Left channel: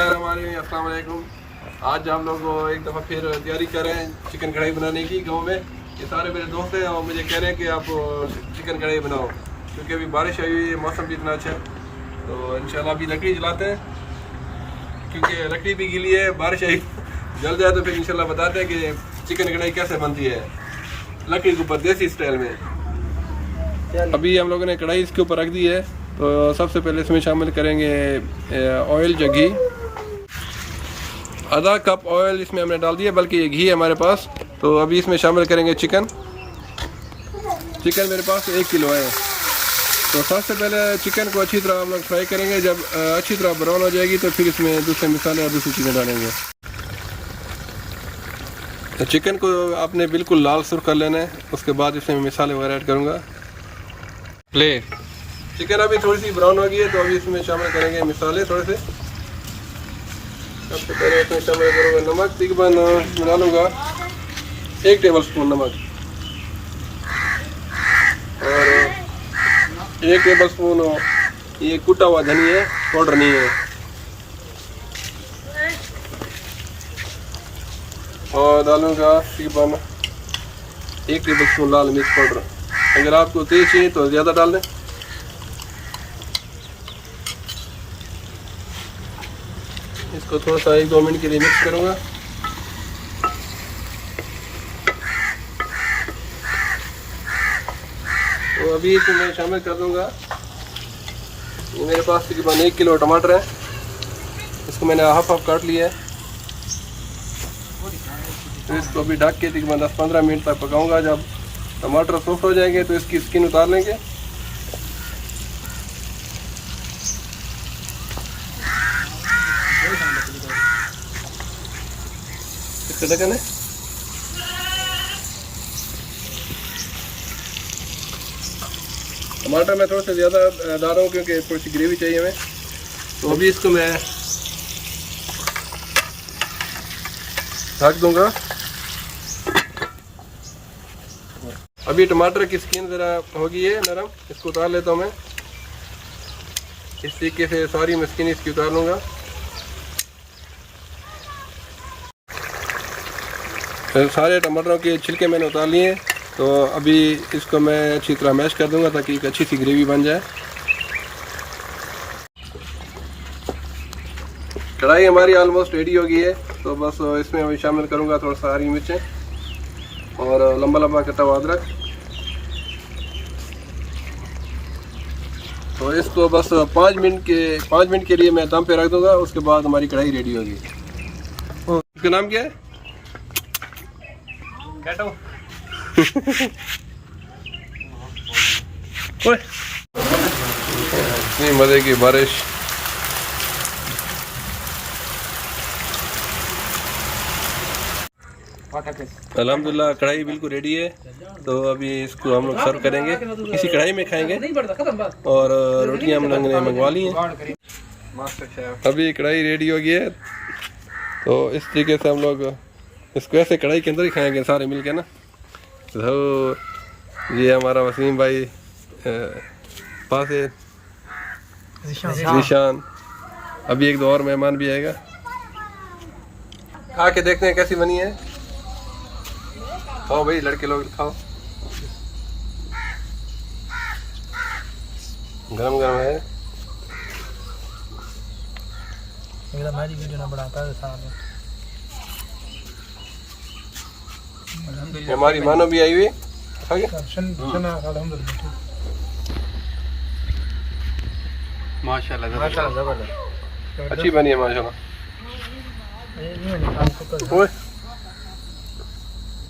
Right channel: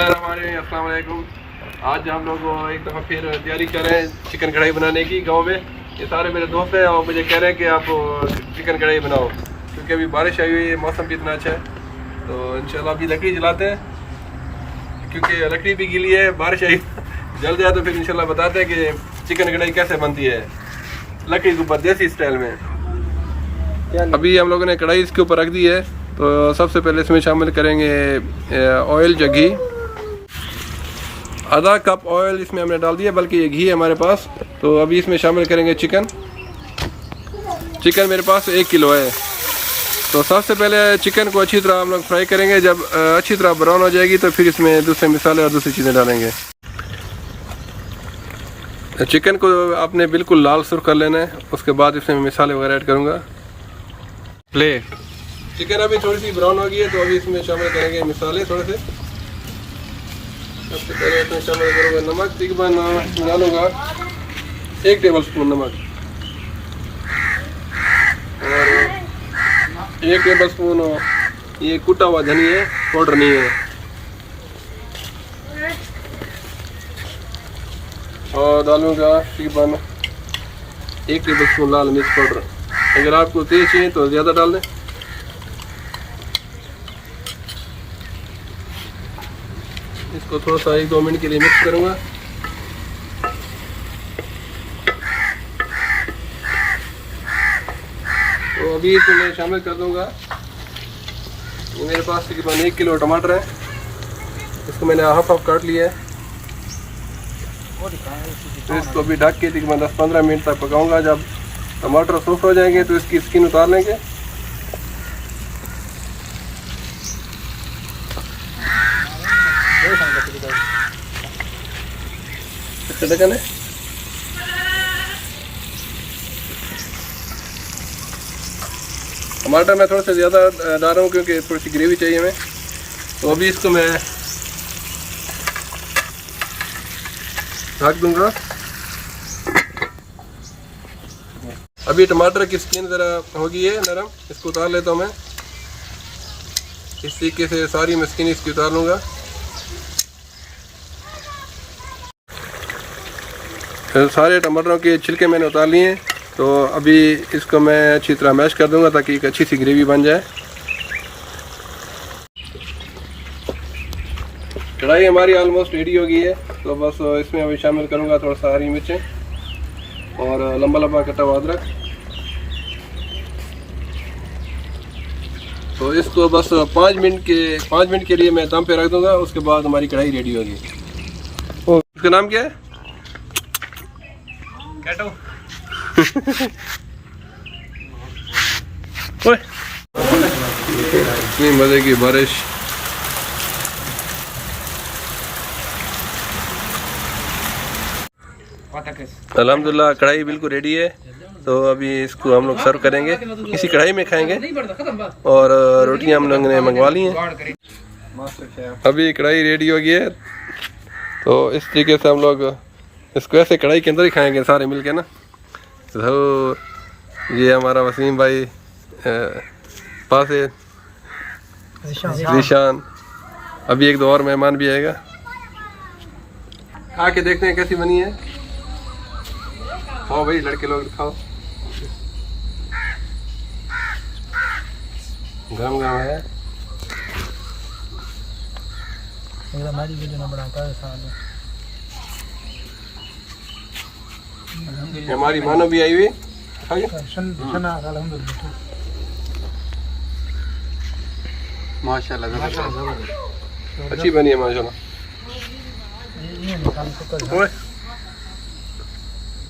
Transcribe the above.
बिस्मिल्लाहिर्रहमानिर्रहीम, अस्सलाम वालेकुम। आज हम लोग एक दफ़ा फिर तैयारी कर रहे हैं चिकन कढ़ाई बनाने की गांव में। ये सारे मेरे दोस्त हैं और मुझे कह रहे हैं कि आप चिकन कढ़ाई बनाओ, क्योंकि अभी बारिश आई हुई है, मौसम भी इतना अच्छा है। तो इंशाल्लाह अभी लकड़ी जलाते हैं, क्योंकि लकड़ी भी गीली है, बारिश आई जल जाए तो फिर इंशाल्लाह बताते हैं कि चिकन कढ़ाई कैसे बनती है लकड़ी के ऊपर देसी स्टाइल में। अभी हम लोगों ने कढ़ाई इसके ऊपर रख दी है, तो सबसे पहले इसमें शामिल करेंगे ऑयल या घी। आधा कप ऑयल इसमें हमने डाल दिया, बल्कि ये घी है हमारे पास। तो अभी इसमें शामिल करेंगे चिकन मेरे पास 1 किलो है। तो सबसे पहले चिकन को अच्छी तरह हम लोग फ्राई करेंगे। जब अच्छी तरह ब्राउन हो जाएगी तो फिर इसमें दूसरे मसाले और दूसरी चीज़ें डालेंगे। चिकन को आपने बिल्कुल लाल सुर्ख कर लेना है, उसके बाद इसमें मसाले वगैरह ऐड करूँगा। प्ले चिकन अभी थोड़ी सी ब्राउन हो गई है, तो अभी इसमें शामिल करेंगे मसाले थोड़े से। सबसे पहले इसमें शामिल करेंगे नमक। तकरीबन डालूंगा 1 टेबल स्पून नमक और 1 टेबल स्पून ये कुटा हुआ धनिया पाउडर नहीं है, और डालूंगा तकरीबन 1 टेबल स्पून लाल मिर्च पाउडर। अगर आपको तेज चाहिए तो ज़्यादा डाल दें। इसको थोड़ा सा 1-2 मिनट के लिए मिक्स करूंगा। तो अभी इसमें मैं शामिल कर दूंगा, ये मेरे पास तकरीबन 1 किलो टमाटर है, इसको मैंने हाफ काट लिया है। तो इसको अभी ढक के तकरीबन 10-15 मिनट तक पकाऊंगा। जब टमाटर सॉफ्ट हो जाएंगे तो इसकी स्किन उतार लेंगे। ढक्कन है। टमाटर मैं थोड़ा सा ज़्यादा डाल रहा हूँ, क्योंकि थोड़ी सी ग्रेवी चाहिए हमें। तो अभी इसको मैं ढक दूंगा। अभी टमाटर की स्किन ज़रा हो गई है नरम, इसको उतार लेता हूँ मैं। इस तरीके से सारी मैं स्किन इसकी उतार लूँगा। सारे टमाटरों के छिलके मैंने उतार लिए हैं। तो अभी इसको मैं अच्छी तरह मैश कर दूंगा, ताकि एक अच्छी सी ग्रेवी बन जाए। कढ़ाई हमारी ऑलमोस्ट रेडी हो गई है। तो बस इसमें अभी शामिल करूंगा थोड़ा सा हरी मिर्चें और लंबा लंबा कटा हुआ अदरक। तो इसको बस 5 मिनट के लिए मैं दम पे रख दूंगा। उसके बाद हमारी कढ़ाई रेडी होगी। इसका नाम क्या है? इतनी मजे की बारिश। अल्हम्दुलिल्लाह कढ़ाई बिल्कुल रेडी है। तो अभी इसको हम लोग सर्व करेंगे, इसी कढ़ाई में खाएंगे। और रोटियां हम लोगों ने मंगवा ली हैं। अभी कढ़ाई रेडी हो गई है, तो इस तरीके से हम लोग इसको ऐसे कढ़ाई के अंदर ही खाएंगे सारे मिलके ना। तो ये हमारा वसीम भाई पास है, ज़ीशान। अभी 1-2 और मेहमान भी आएगा। खा के देखते हैं कैसी बनी है। खाओ भाई लड़के लोग, खाओ। गरम गरम है। हमारी वीडियो ना बनाता है साथ में। हमारी मानो भी आई हुई। माशाल्लाह अच्छी बनी है माशाल्लाह।